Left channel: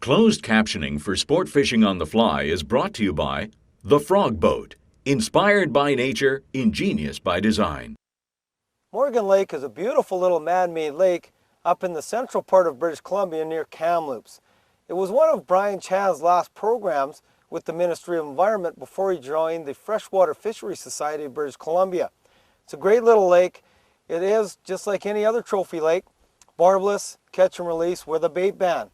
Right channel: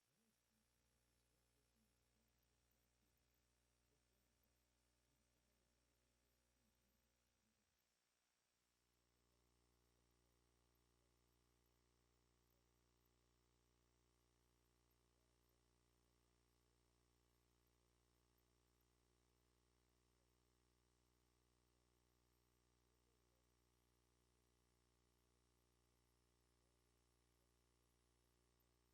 Closed captioning for sport fishing on the fly is brought to you by The Frog Boat, inspired by nature, ingenious by design. Morgan Lake is a beautiful little man-made lake up in the central part of British Columbia near Kamloops. It was one of Brian Chan's last programs with the Ministry of Environment before he joined the Freshwater Fisheries Society of British Columbia. It's a great little lake. It is, just like any other trophy lake, barbless, catch and release with a bait ban.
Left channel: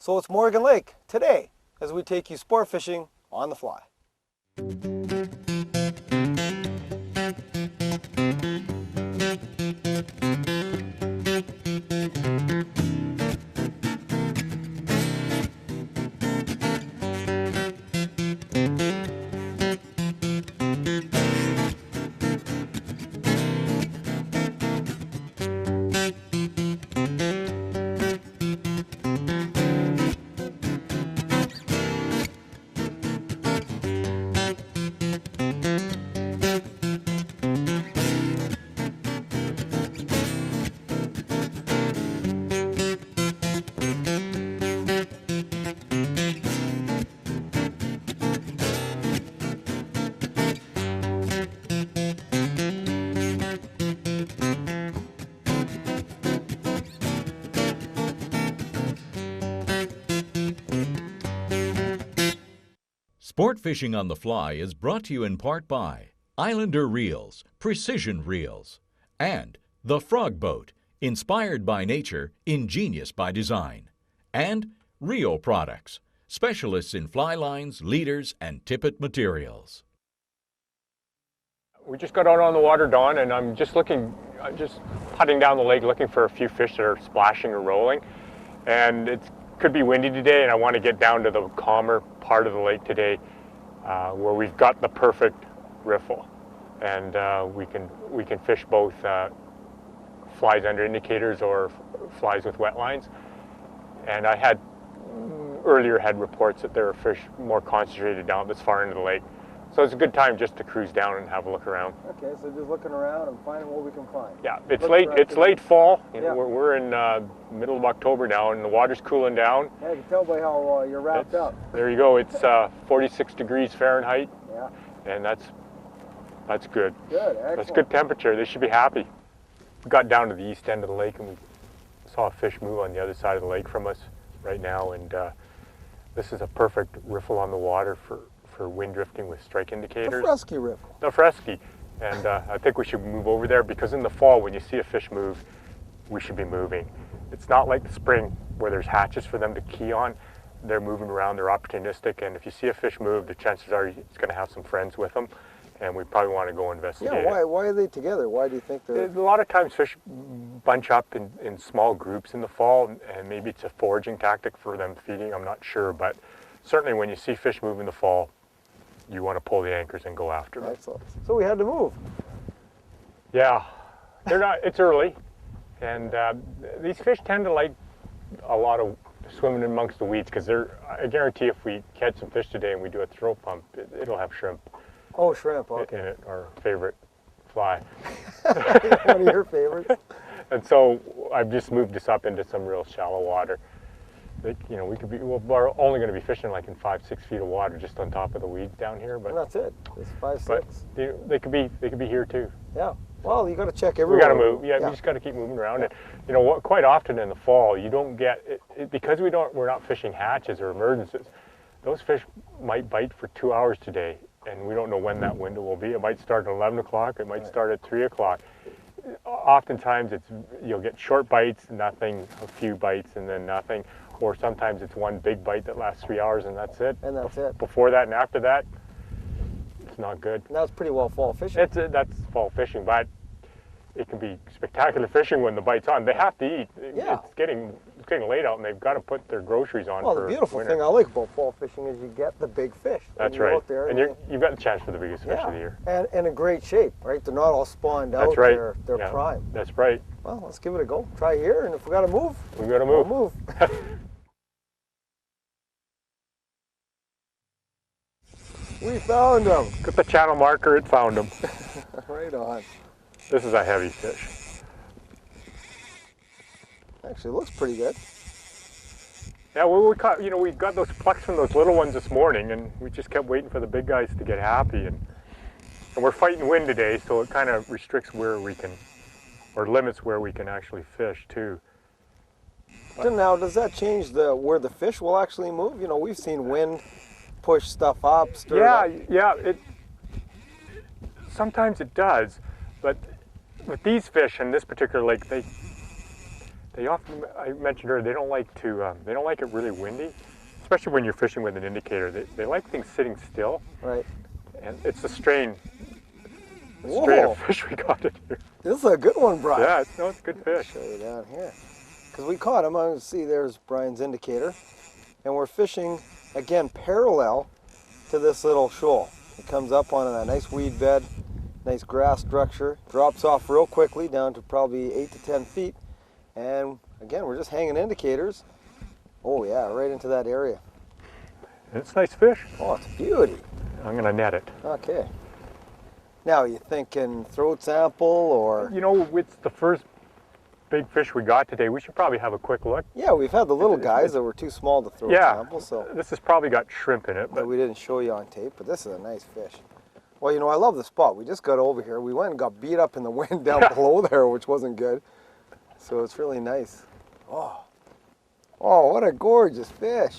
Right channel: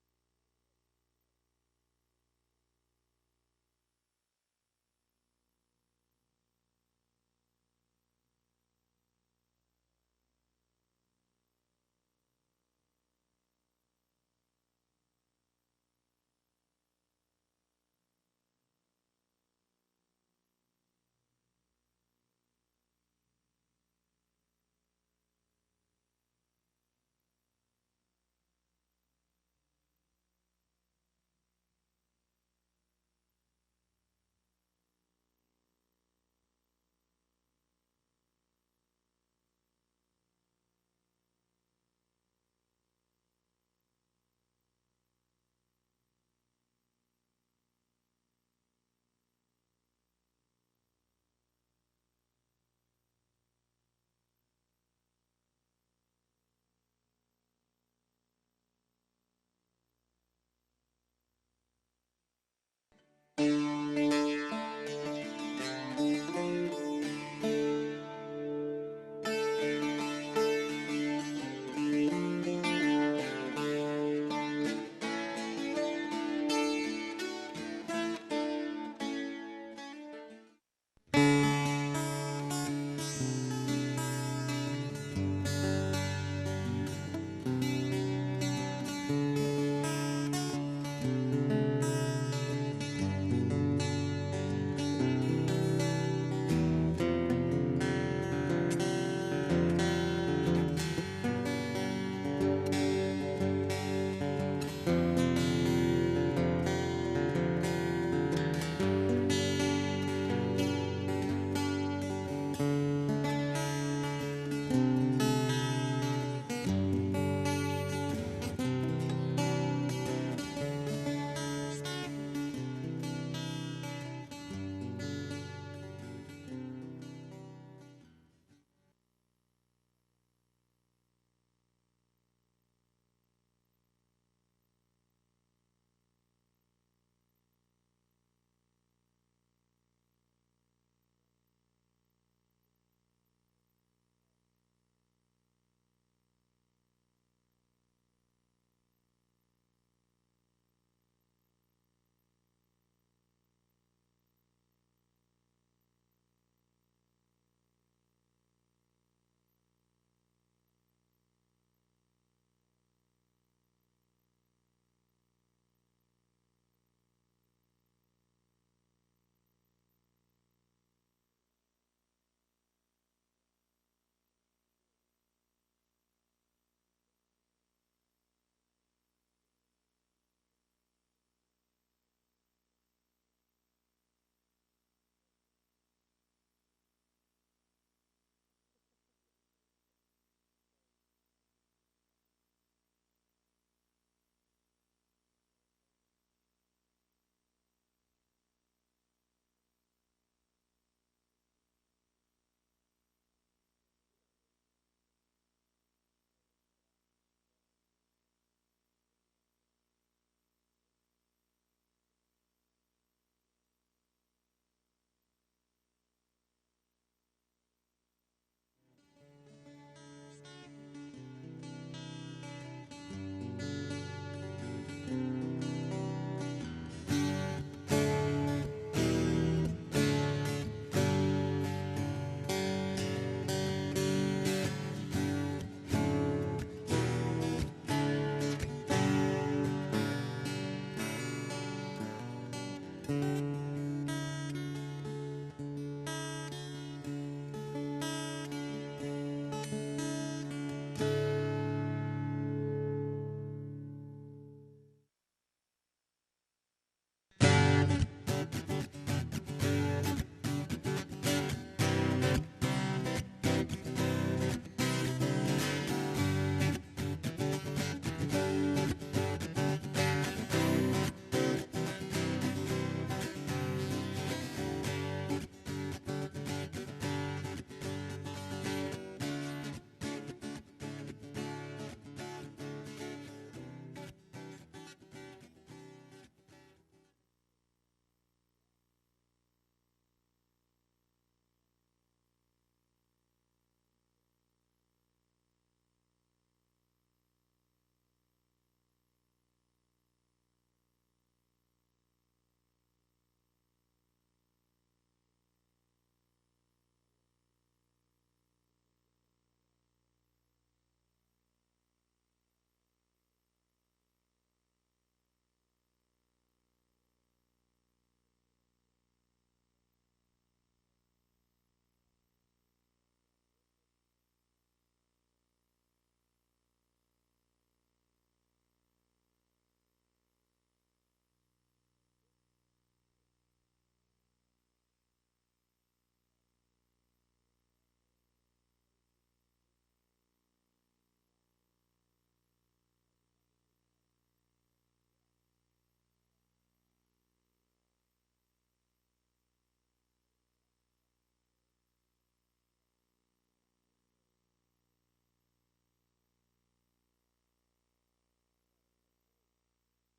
So it's Morgan Lake today as we take you sport fishing on the fly. Sport Fishing on the Fly is brought to you in part by Islander Reels, Precision Reels, and The Frog Boat, inspired by nature, ingenious by design, and Rio Products, specialists in fly lines, leaders, and tippet materials. We just got out on the water, Don, and I'm just putting down the lake looking for a few fish that are splashing or rolling. And it could be windy today, and I want to get down to the calmer part of the lake today where we've got the perfect riffle. And we can fish both flies under indicators or flies with wet lines. And I had earlier had reports that there were fish more concentrated down this far into the lake. So it's a good time just to cruise down and have a look around. Okay, so just looking around and finding what we can find. Yeah, it's late fall. Yeah. We're in middle of October now, and the water's cooling down. I can tell by how you're wrapped up. There you go. It's 46 degrees Fahrenheit, Yeah. and that's good. Good, excellent. That's good temperature. They should be happy. We got down to the east end of the lake, and we saw a fish move on the other side of the lake from us right now, and this is a perfect riffle on the water for wind drifting with strike indicators. The fresky riffle. The fresky. And I think we should move over there, because in the fall, when you see a fish move, we should be moving. It's not like the spring where there's hatches for them to key on. They're moving around, they're opportunistic, and if you see a fish move, the chances are it's going to have some friends with them, and we probably want to go investigate it. Yeah, why are they together? Why do you think they're... A lot of times fish bunch up in small groups in the fall, and maybe it's a foraging tactic for them feeding, I'm not sure, but certainly when you see fish move in the fall, you want to pull the anchors and go after them. Excellent. So we had to move. Yeah, they're not. It's early, and these fish tend to like a lot of swimming amongst the weeds, because I guarantee if we catch some fish today and we do a throw pump, it'll have shrimp. Oh, shrimp. Okay. In it, our favorite fly. One of your favorites. And so I've just moved this up into some real shallow water. We're only going to be fishing like in 5-6 feet of water just on top of the weeds down here, but And that's it. It's 5-6. But they could be here too. Yeah. Well, you got to check everywhere. We got to move. Yeah, we just got to keep moving around. Yeah. And quite often in the fall, you don't get it, because we're not fishing hatches or emergencies. Those fish might bite for 2 hours today, and we don't know when that window will be. It might start at 11 o'clock. It might start at 3 o'clock. Oftentimes you'll get short bites, nothing, a few bites, and then nothing. Or sometimes it's one big bite that lasts 3 hours, and that's it. And that's it. Before that and after that, it's not good. That's pretty well fall fishing. That's fall fishing, but it can be spectacular fishing when the bite's on. They have to eat. Yeah. It's getting late out, and they've got to put their groceries on. Well, for the beautiful winter. thing I like about fall fishing is you get the big fish. That's you right. Go out there and you've got the chance for the biggest fish of the year. And in a great shape, right? They're not all spawned out. That's right. They're prime. That's right. Well, let's give it a go. Try here, and if we got to move, we've got to move. We'll move. We found them. Got the channel marker, it found them. Right on. This is a heavy fish. Actually, it looks pretty good. Yeah, well, we caught, you know, we got those plucks from those little ones this morning, and we just kept waiting for the big guys to get happy. And we're fighting wind today, so it kind of restricts where we can, or limits where we can actually fish too. So now, does that change where the fish will actually move? You know, we've seen wind push stuff up, stir it up. Yeah, sometimes it does, but with these fish in this particular lake, they often, I mentioned earlier, they don't like it really windy, especially when you're fishing with an indicator. They like things sitting still. Right. And it's a strain of fish we got in here. This is a good one, Brian. Yeah, it's a good fish. Show you down here. Because we caught him. I can see there's Brian's indicator. And we're fishing, again, parallel to this little shoal. It comes up on a nice weed bed, nice grass structure, drops off real quickly down to probably 8 to 10 feet. And again, we're just hanging indicators. Oh yeah, right into that area. It's nice fish. Oh, it's a beauty. I'm gonna net it. Okay. Now, you thinking throat sample or? You know, it's the first big fish we got today. We should probably have a quick look. Yeah, we've had the little guys that were too small to throat sample, so. This has probably got shrimp in it, but we didn't show you on tape, but this is a nice fish. Well, you know, I love the spot. We just got over here. We went and got beat up in the wind down below there, which wasn't good. So it's really nice. Oh, what a gorgeous fish.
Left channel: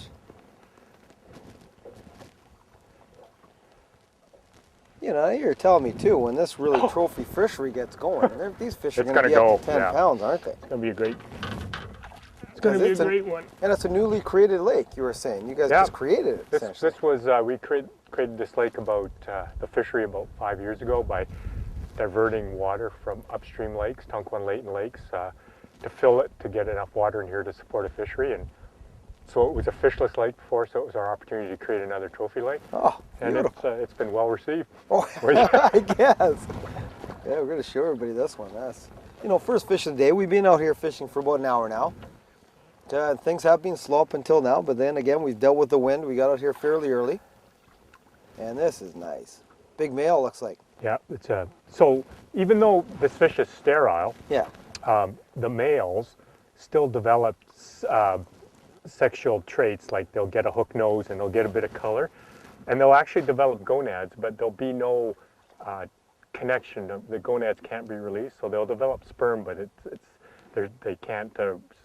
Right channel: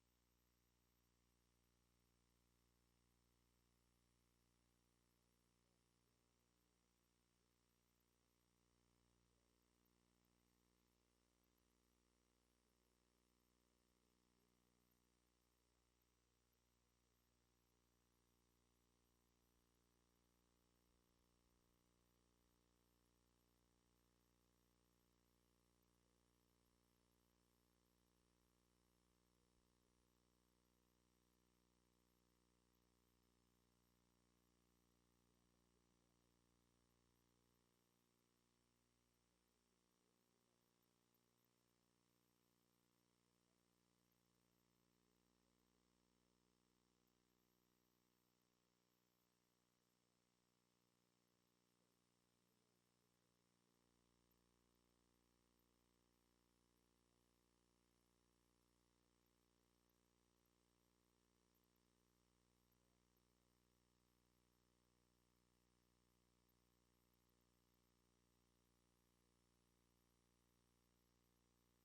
You know, you're telling me too, when this really trophy fishery gets going, these fish are going to be up to 10 pounds, aren't they? It's going to be a great, great one. And it's a newly created lake, you were saying. You guys just created it, essentially. This was, we created this lake about, the fishery about 5 years ago by diverting water from upstream lakes, Tonquin Layton lakes, to fill it to get enough water in here to support a fishery. And so it was a fishless lake before, so it was our opportunity to create another trophy lake. Oh, beautiful. And it's been well received. Oh, I guess. Yeah, we're going to show everybody this one. That's, you know, first fish of the day. We've been out here fishing for about an hour now. Things have been slow up until now, but then again, we've dealt with the wind. We got out here fairly early. And this is nice. Big male, looks like. Yeah, it's so even though this fish is sterile, yeah, the males still develop sexual traits, like they'll get a hook nose and they'll get a bit of color, and they'll actually develop gonads, but there'll be no connection. The gonads can't be released, so they'll develop sperm, but they can't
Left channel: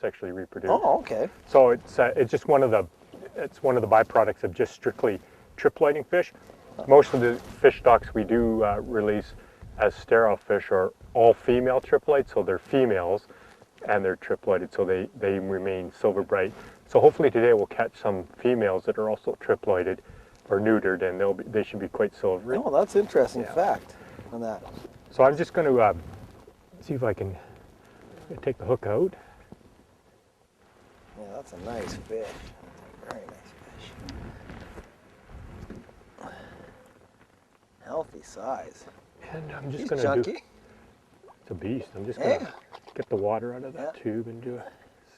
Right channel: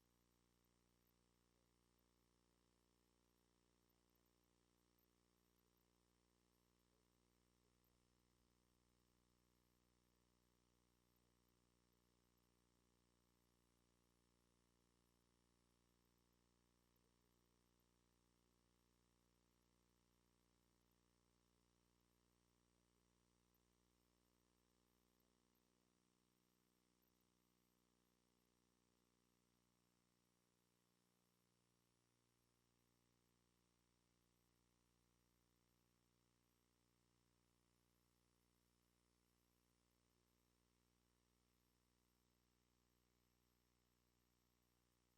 sexually reproduce. Oh, okay. So it's just one of the byproducts of just strictly triploiding fish. Most of the fish stocks we do release as sterile fish are all female triploids, so they're females and they're triploided, so they remain silver bright. So hopefully today we'll catch some females that are also triploided or neutered, and they should be quite silvery. Oh, that's interesting fact on that. So I'm just going to see if I can take the hook out. Yeah, that's a nice fish. Very nice fish. Healthy size. And I'm just going to it's a beast. I'm just going to get the water out of that tube and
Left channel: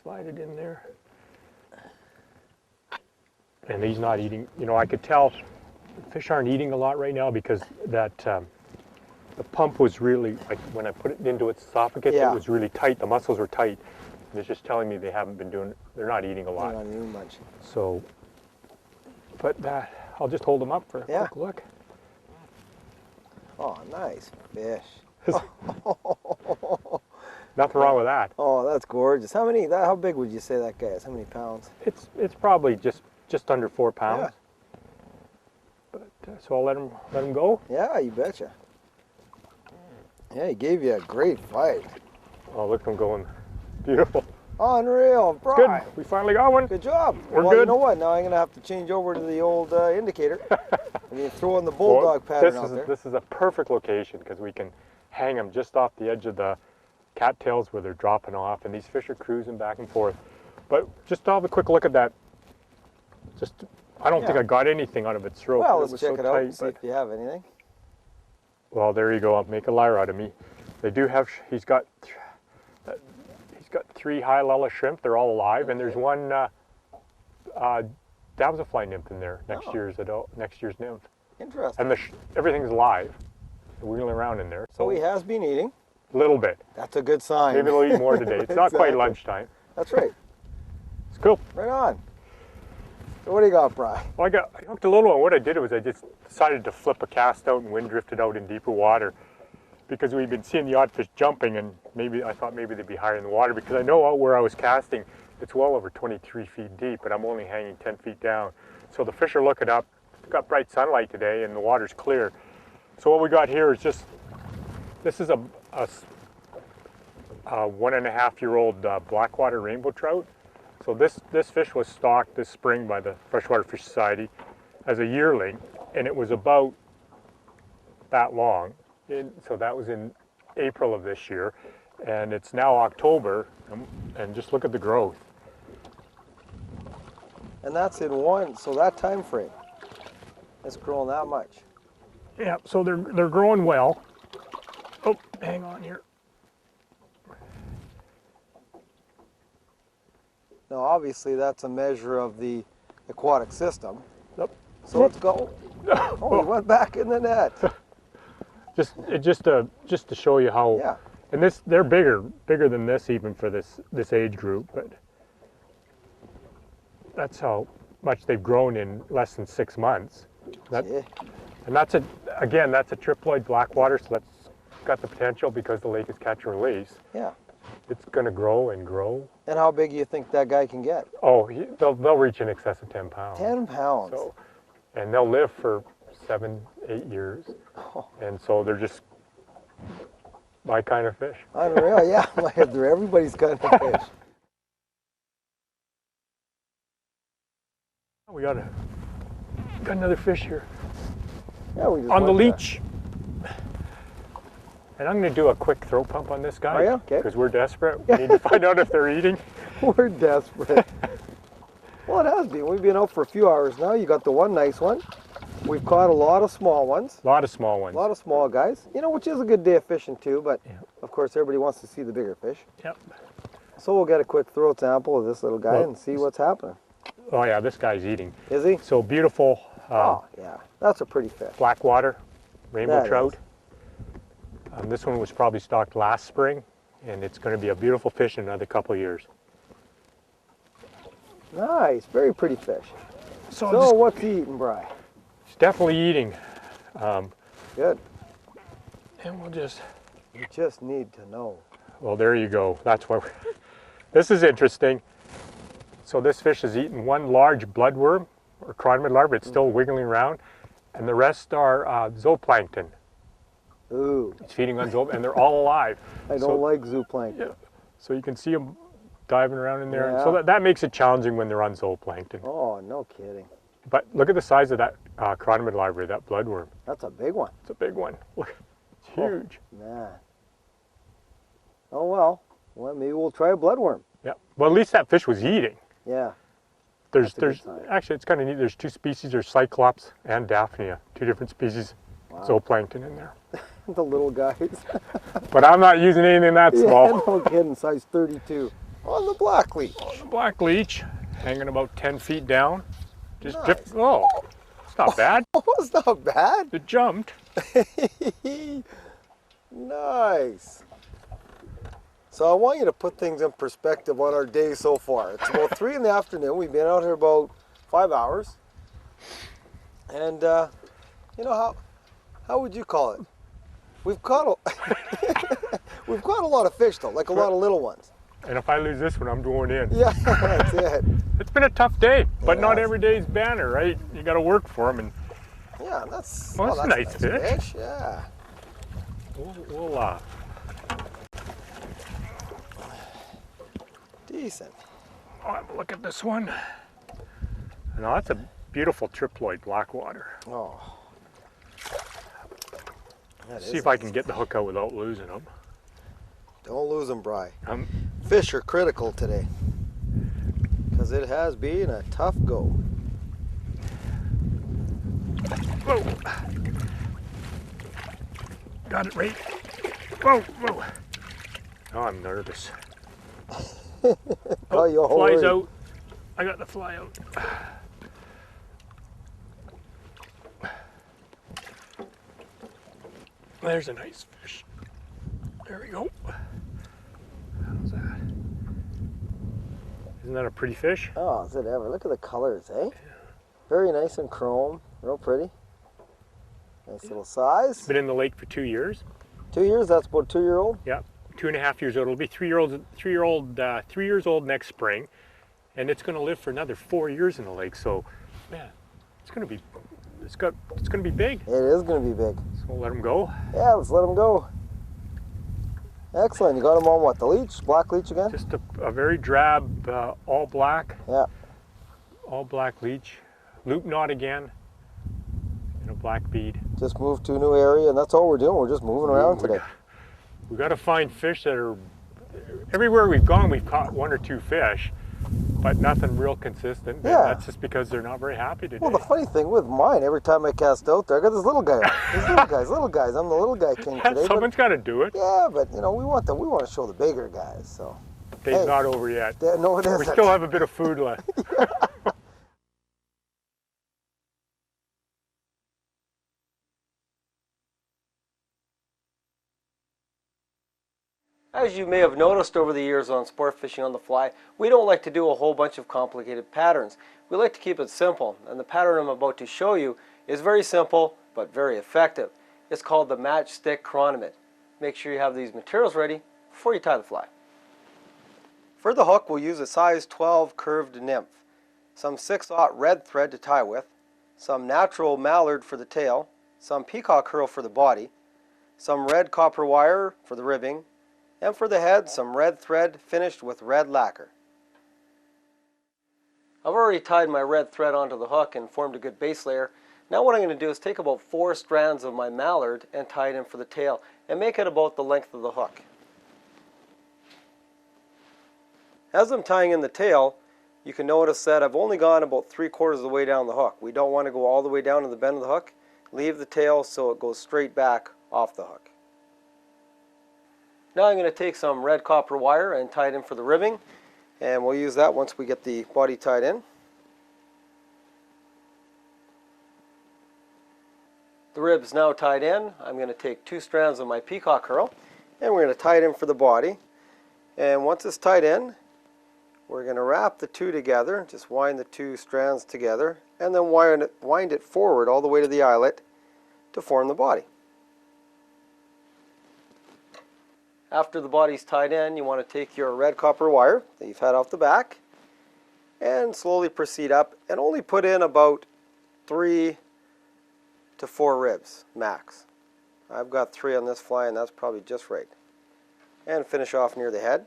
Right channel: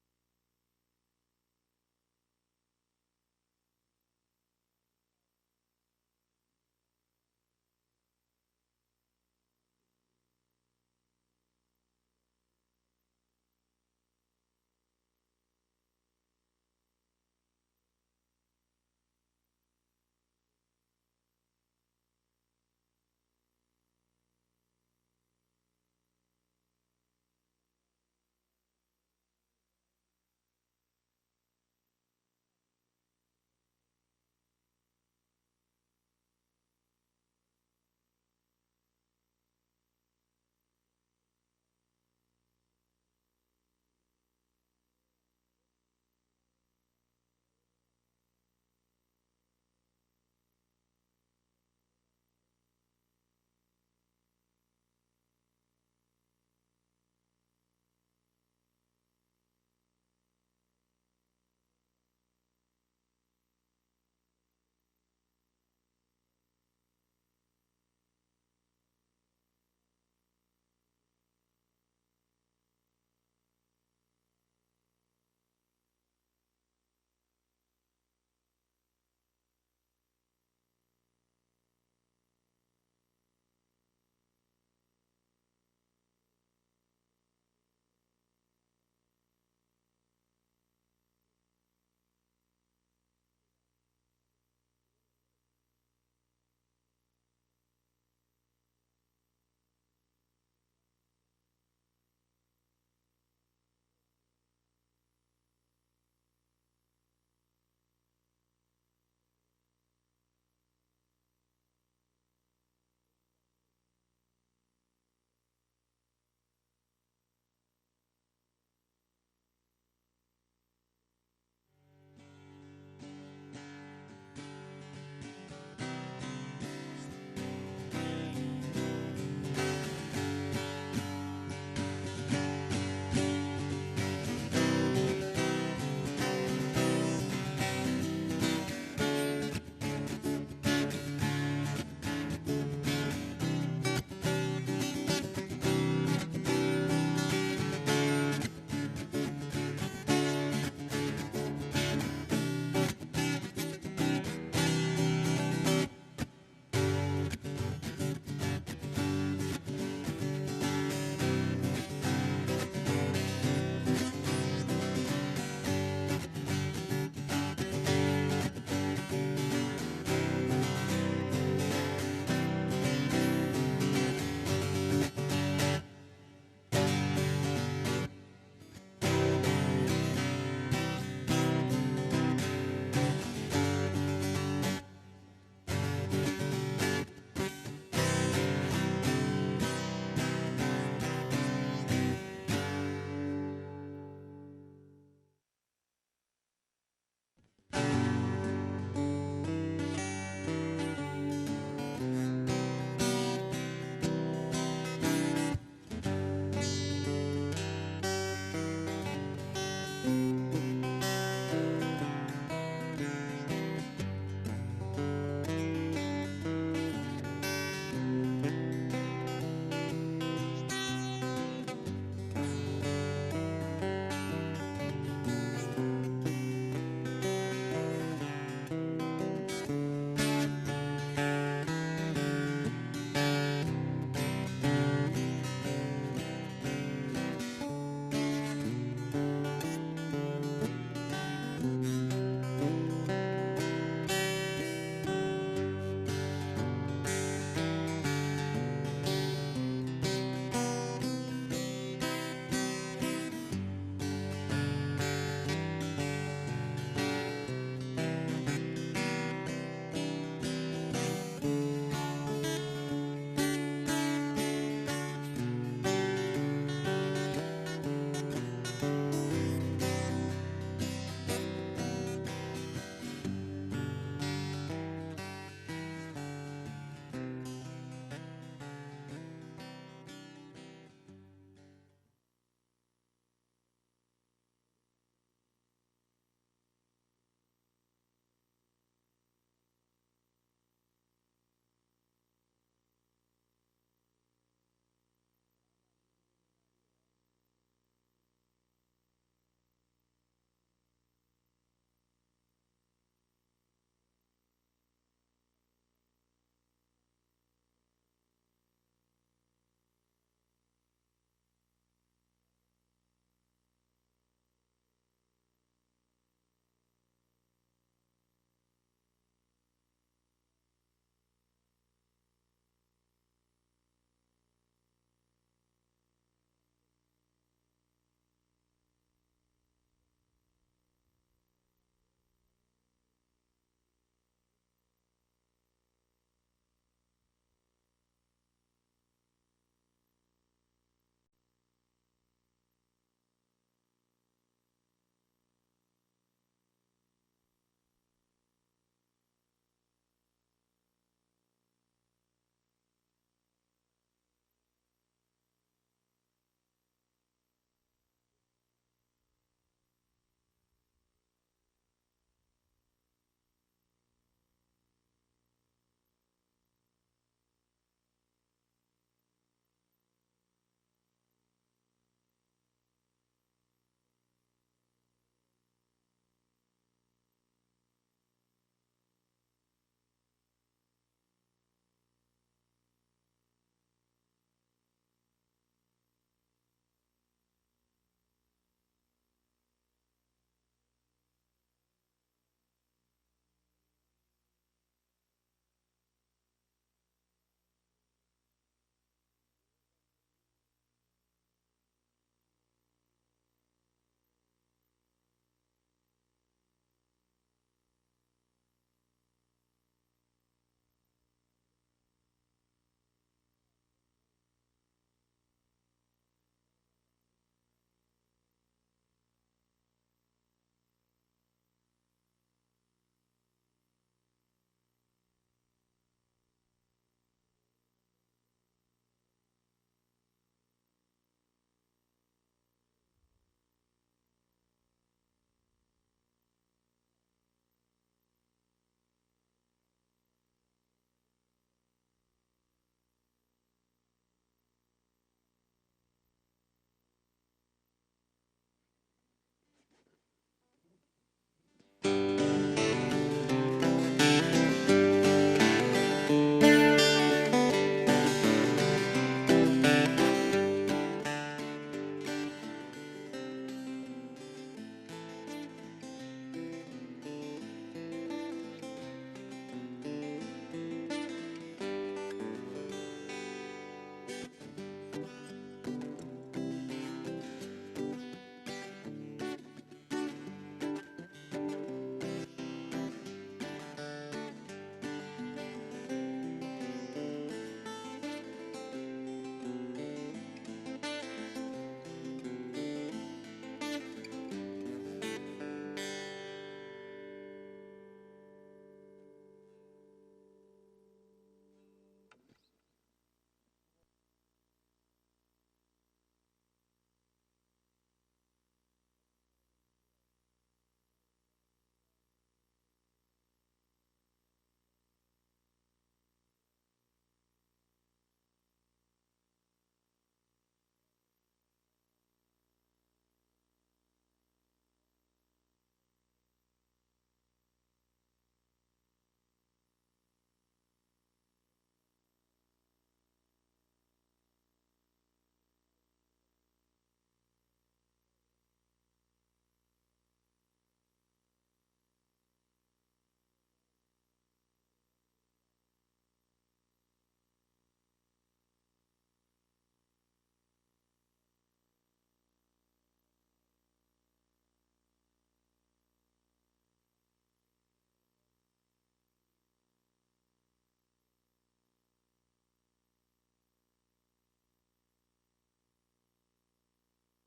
slide it in there. And he's not eating. You know, I could tell fish aren't eating a lot right now because that the pump was really, like when I put it into its esophagus, it was really tight. The muscles were tight. And it's just telling me they're not eating a lot. They're not eating much. So, but I'll just hold them up for a quick look. Oh, nice fish. Nothing wrong with that. Oh, that's gorgeous. How big would you say that guy is? How many pounds? It's probably just under 4 pounds. Yeah. But so I'll let him go. Yeah, you betcha. Yeah, he gave you a great fight. Oh, look at him going. Beautiful. Unreal, Brian. Good. We finally got one. Good job. We're well, good. You know what? Now I'm going to have to change over to the old indicator. And you throw in the bulldog pattern out there. This is a perfect location because we can hang them just off the edge of the cattails where they're dropping off, and these fish are cruising back and forth. But just to have a quick look at that. I don't think I got anything out of its throat. Well, let's check it out and see if you have anything. Well, there you go. I'll make a liar out of me. They do have. He's got 3 high-lella shrimp. They're all alive, and there's one damselfly nymph in there. Next year's nymph. Interesting. And everything's live. They're wheeling around in there. So he has been eating. A little bit. That's a good sign. Maybe they'll eat more today. It's not quite lunchtime. That's right. It's cool. Right on. So what do you got, Brian? Well, I hooked a little one. What I did was I just decided to flip a cast out and wind drifted out in deeper water because we've been seeing the odd fish jumping, and I thought maybe they'd be higher in the water because I know out where I was casting, it's well over 23 feet deep, and I'm only hanging 10 feet down. So the fish are looking up. It's got bright sunlight today, and the water's clear. So what we got here is this is a 1.5-year-old blackwater rainbow trout. So this fish was stocked this spring by the Freshwater Fish Society as a yearling, and it was about that long. So that was in April of this year, and it's now October, and just look at the growth. And that's in one, so that time frame, it's growing that much. Yeah, so they're growing well. Oh, hang on here. Now obviously that's a measure of the aquatic system. Yep. So let's go. Oh, he went back in the net. Just to show you how, Yeah. and they're bigger than this even for this age group, but that's how much they've grown in less than 6 months. That's a triploid blackwater, so that's got the potential because the lake is catch and release. Yeah. It's going to grow and grow. And how big do you think that guy can get? Oh, they'll reach in excess of 10 pounds. 10 pounds. And they'll live for 7 to 8 years. And so they're just my kind of fish. Unreal, yeah. Like they're everybody's kind of fish. We got another fish here. Yeah, we just On the went leech. And I'm going to do a quick throw pump on this guy. Are you? Okay. Because we're desperate. We need to find out if they're eating. We're desperate. Well, it has been. We've been out for a few hours now. You got the one nice one. We've caught a lot of small ones. A lot of small A ones. lot of small guys. You know, which is a good day of fishing too, but of course everybody wants to see the bigger fish. Yep. So we'll get a quick throw sample of this little guy and see what's happening. Oh yeah, this guy's eating. Is he? So beautiful Oh, yeah. That's a pretty fish. blackwater rainbow That trout. And this one was probably stocked last spring, and it's going to be a beautiful fish in another couple of years. Nice. Very pretty fish. So what's he eating, Brian? definitely eating. Good. And we'll just need to know. well, there you go. That's what. This is interesting. So this fish has eaten one large bloodworm or cronid larva. It's still wiggling around, and the rest are zooplankton. Ooh. It's feeding on zooplankton, and they're all alive. I don't like zooplankton. Yeah. So you can see them diving around in there. Yeah. So that makes it challenging when they're on zooplankton. Oh, no kidding. But look at the size of that cronid larva, that bloodworm. That's a big one. It's a big one. Look, it's huge. Man. Oh well. Well, maybe we'll try a bloodworm. Yeah. Well, at least that fish was eating. Yeah. There's That's a good sign. actually, it's kind of neat. There's 2 species. There's Cyclops and Daphnia, 2 different species zooplankton in there. The little guys. But I'm not using anything that small. Yeah, no kidding. Size 32. On the black leech. The black leech, hanging about 10 feet down. Just Nice. drift. Oh, it's not bad. Oh, it's not bad. It jumped. Nice. So I want you to put things in perspective on our day so far. It's about 3 in the afternoon. We've been out here about 5 hours. And you know, how would you call it? We've caught we've caught a lot of fish though, like a lot of little ones. And if I lose this one, I'm going in. Yeah, that's it. It's been a tough day, but It not has. every day's banner, right? You got to work for them, and Yeah, that's Well, that's a nice fish. Yeah. we'll Decent. have a look at this one. No, that's a beautiful triploid blackwater. Oh. That See is if I can get the hook out without losing them. Don't lose them, Bry. Um, Fish are critical today because it has been a tough go. Whoa. Got it right. Whoa, whoa. Oh, I'm nervous. Got you all Fly's worried. out. I got the fly out. There's a nice fish. There we go. How's that? Isn't that a pretty fish? Oh, is it ever? Look at the colors, eh? Very nice and chrome, real pretty. Nice little size. Been in the lake for 2 years. 2 years, that's about 2-year-old? Yeah, 2.5 years old. It'll be 3 years old next spring, and it's going to live for another 4 years in the lake. So, man, it's going to be big. It is going to be big. So we'll let him go. Yeah, let's let him go. Excellent. You got him on what? The leech? Black leech again? Just a very drab, all black. Yeah. All black leech. Loop knot again. And a black bead. Just moved to a new area, and that's all we're doing. We're just moving around today. We got to find fish that are. Everywhere we've gone, we've caught 1 or 2 fish, but nothing real consistent. Yeah. And that's just because they're not very happy today. Well, the funny thing with mine, every time I cast out there, I got this little guy. These little guys. I'm the little guy king today. Someone's got to do it. Yeah, but you know, we want to show the bigger guys. So. Day's Hey. not over yet. No, it isn't. We still have a bit of food left. As you may have noticed over the years on Sport Fishing on the Fly, we don't like to do a whole bunch of complicated patterns. We like to keep it simple, and the pattern I'm about to show you is very simple but very effective. It's called the matchstick chronomid. Make sure you have these materials ready before you tie the fly. For the hook, we'll use a size 12 curved nymph, some 6/0 red thread to tie with, some natural mallard for the tail, some peacock herl for the body, some red copper wire for the ribbing, and for the head, some red thread finished with red lacquer. I've already tied my red thread onto the hook and formed a good base layer. Now what I'm going to do is take about 4 strands of my mallard and tie it in for the tail and make it about the length of the hook. As I'm tying in the tail, you can notice that I've only gone about 3/4 of the way down the hook. We don't want to go all the way down to the bend of the hook. Leave the tail so it goes straight back off the hook. Now I'm going to take some red copper wire and tie it in for the ribbing, and we'll use that once we get the body tied in. The rib is now tied in. I'm going to take 2 strands of my peacock herl, and we're going to tie it in for the body. And once it's tied in, we're going to wrap the 2 together, just wind the 2 strands together, and then wind it forward all the way to the eyelet to form the body. After the body's tied in, you want to take your red copper wire that you've had off the back and slowly proceed up and only put in about 3 to 4 ribs max. I've got 3 on this fly, and that's probably just right. And finish off near the head.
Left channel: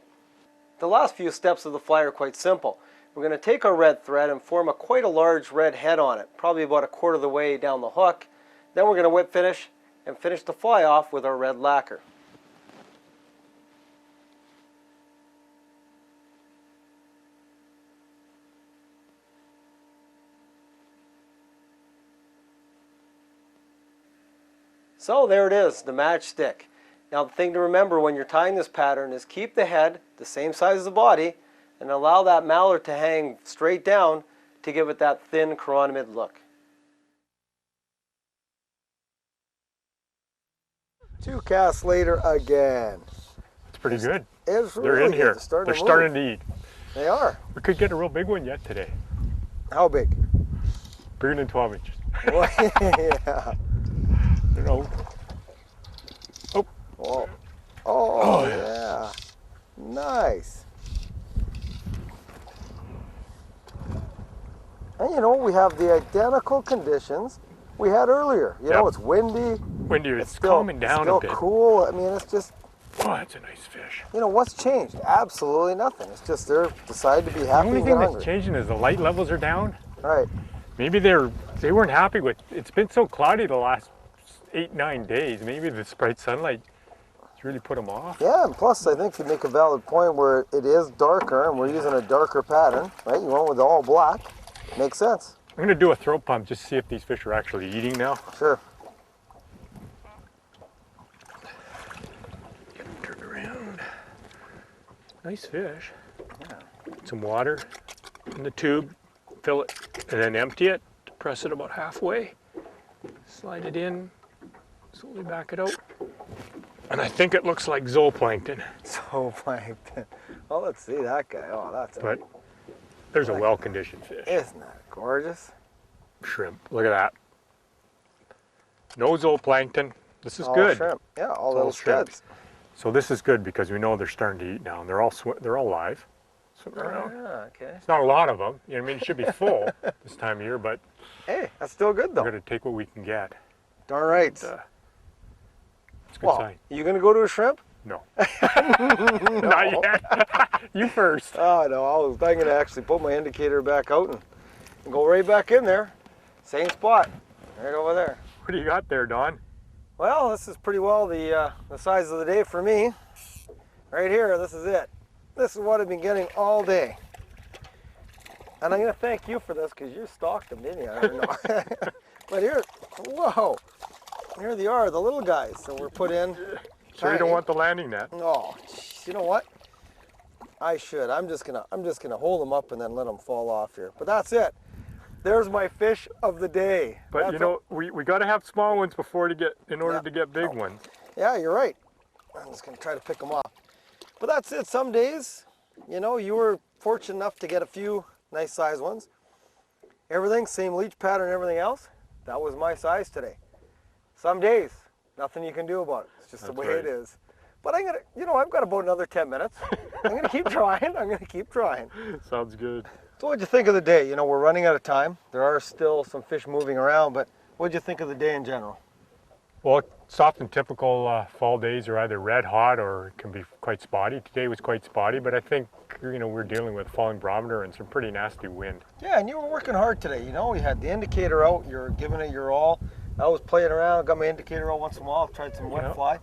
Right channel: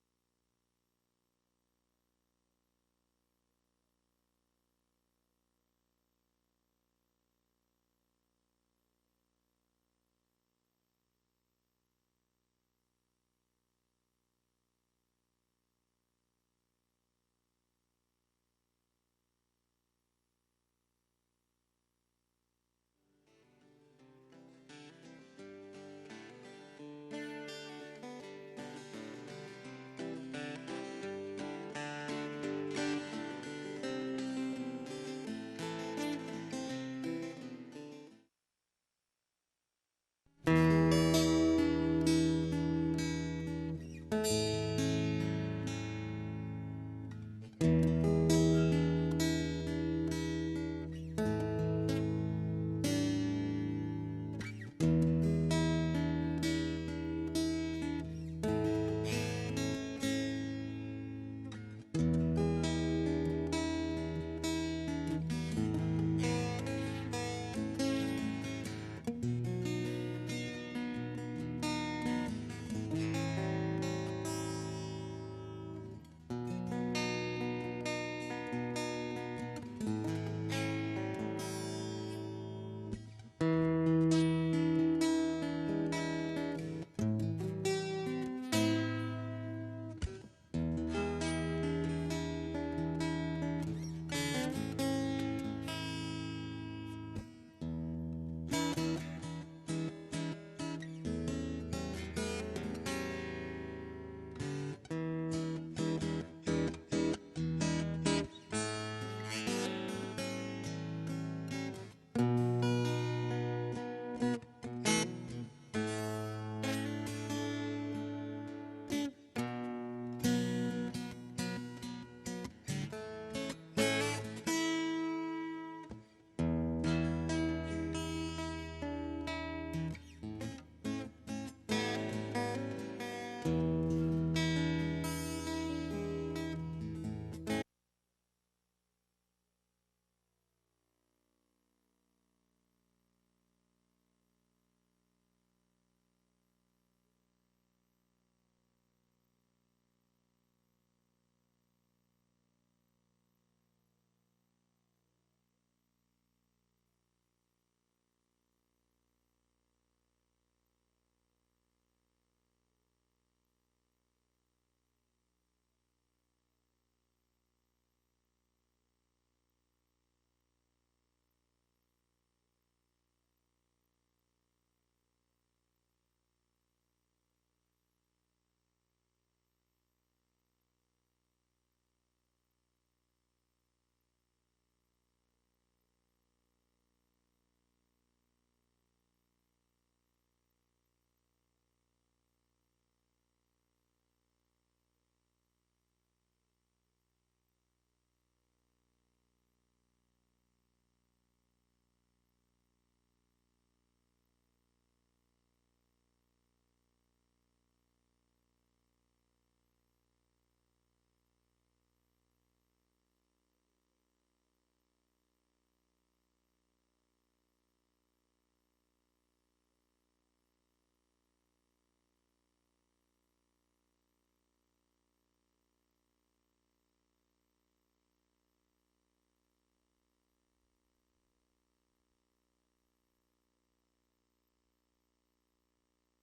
The last few steps of the fly are quite simple. We're going to take our red thread and form quite a large red head on it, probably about 1/4 of the way down the hook. Then we're going to whip finish and finish the fly off with our red lacquer. So there it is, the matchstick. Now the thing to remember when you're tying this pattern is keep the head the same size as the body and allow that mallard to hang straight down to give it that thin chronomid look. 2 casts later again. It's pretty good. It's really They're in good. here. They're They're starting to eat. They are. We could get a real big one yet today. How big? Bigger than 12 inches. Well, yeah. You know. Oh. Whoa. Oh, Oh, yeah. Nice. And you know, we have the identical conditions we had earlier. You know, it's windy. Windy, it's still calming down still a bit. cool. I mean, it's just, Oh, that's a nice fish. you know, what's changed? Absolutely nothing. It's just they're decided to be The happy only and thing that's hungry. changing is the light levels are down. All right. Maybe they weren't happy with, it's been so cloudy the last 8-9 days. Maybe this bright sunlight has really put them off. Yeah, and plus I think you make a valid point where it is darker and we're using a darker pattern, right? You went with all black. Makes sense. I'm gonna do a throat pump just to see if these fish are actually eating now. Sure. Get them turned around. Nice fish. Some water in the tube, fill it, and then empty it. Press it about halfway. Slide it in, back it out. And I think it looks like zooplankton. So plankton. Well, let's see that guy. Oh, that's But There's a well-conditioned fish. Isn't that gorgeous? Shrimp, look at that. No zooplankton. This is All good. shrimp. Yeah, all It's little shrimp. scuds. So this is good because we know they're starting to eat now. They're all live, swimming around. Ah, okay. It's not a lot of them. You know what I mean? It should be full this time of year, but Hey, that's still good though. we're going to take what we can get. Darn right. It's a good Well, sign. you gonna go to a shrimp? No. Not yet. You first. Oh no, I'm gonna actually put my indicator back out and go right back in there. Same spot, right over there. What do you got there, Don? Well, this is pretty well the size of the day for me. Right here, this is it. This is what I've been getting all day. And I'm gonna thank you for this because you stalked them, didn't you? I don't know. But here, whoa, here they are, the little guys. So we're put in. Sure you don't want the landing net? Oh, you know what? I should. I'm just gonna hold them up and then let them fall off here. But that's it. There's my fish of the day. But That's you know, we got to have small ones in order to get big Oh. ones. Yeah, you're right. I'm just gonna try to pick them off. But that's it. Some days, you know, you were fortunate enough to get a few nice size ones. Everything, same leech pattern, everything else. That was my size today. Some days, nothing you can do about it. It's just the That's way right. it is. But I'm gonna, you know, I've got about another 10 minutes. I'm gonna keep trying. I'm gonna keep trying. Sounds good. So what'd you think of the day? You know, we're running out of time. There are still some fish moving around, but what'd you think of the day in general? Well, it's often typical fall days are either red hot or it can be quite spotty. Today was quite spotty, but I think, you know, we're dealing with falling barometer and some pretty nasty wind. Yeah, and you were working hard today. You know, you had the indicator out. You're giving it your all. I was playing around, got my indicator out once in a while, tried some wet Yeah. fly.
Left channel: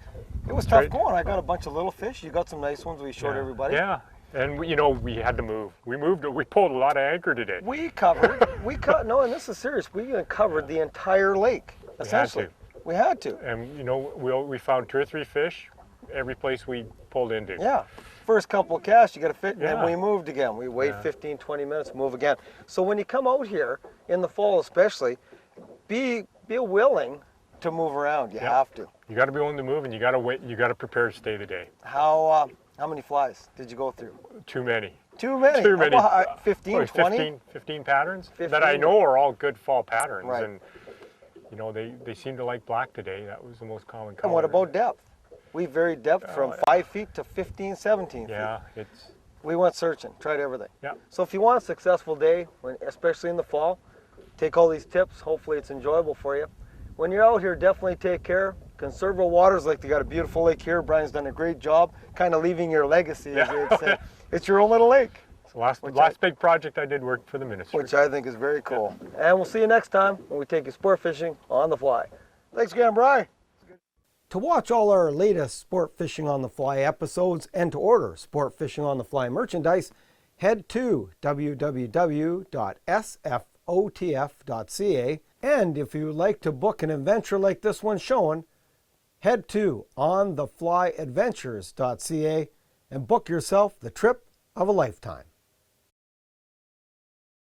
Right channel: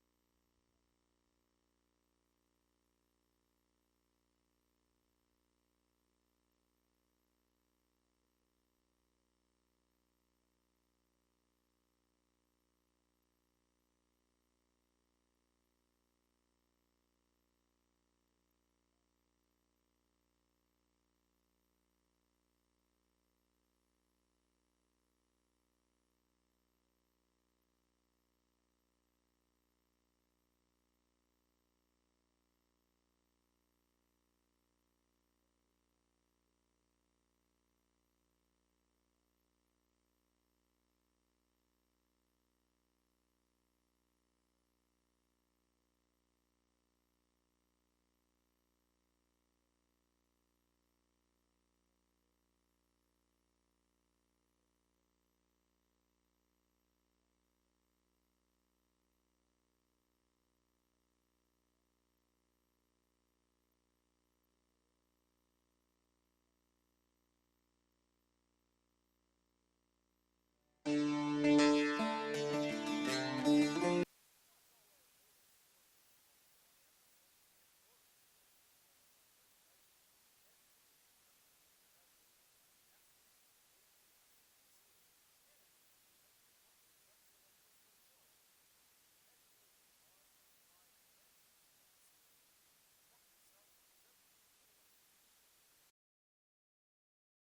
It was That's tough right. going. I got a bunch of little fish. You got some nice ones we showed everybody. Yeah, and we, you know, we had to move. We pulled a lot of anchor today. We covered, no, and this is serious. We covered the entire lake, essentially. We had to. And you know, we found 2 or 3 fish every place we pulled into. Yeah. First couple of casts, you got to fit, and Yeah. then we moved again. We wait Yeah. 15, 20 minutes, move again. So when you come out here, in the fall especially, be willing to move around. You Yeah. have to. You got to be willing to move, and you got to wait. You got to prepare to stay the day. How many flies did you go through? Too many. Too many. Too many. About 15, Probably 20? 15 patterns 15. that I know are all good fall patterns. Right. And you know, they seem to like black today. That was the most common color. And what about depth? We varied depth from 5 feet to 15, 17 feet. Yeah, it's We went searching, tried everything. yeah. So if you want a successful day, especially in the fall, take all these tips. Hopefully it's enjoyable for you. When you're out here, definitely take care. Conserve our waters like they got a beautiful lake here. Brian's done a great job kind of leaving your legacy, as you'd say. It's your own little lake, So last big project I did work for the ministry. which I think is very cool. And we'll see you next time when we take you sport fishing on the fly. Thanks again, Brian. To watch all our latest Sport Fishing on the Fly episodes and to order Sport Fishing on the Fly merchandise, head to www.sfotf.ca. And if you would like to book an adventure like this one shown, head to ontheflyadventures.ca and book yourself the trip of a lifetime.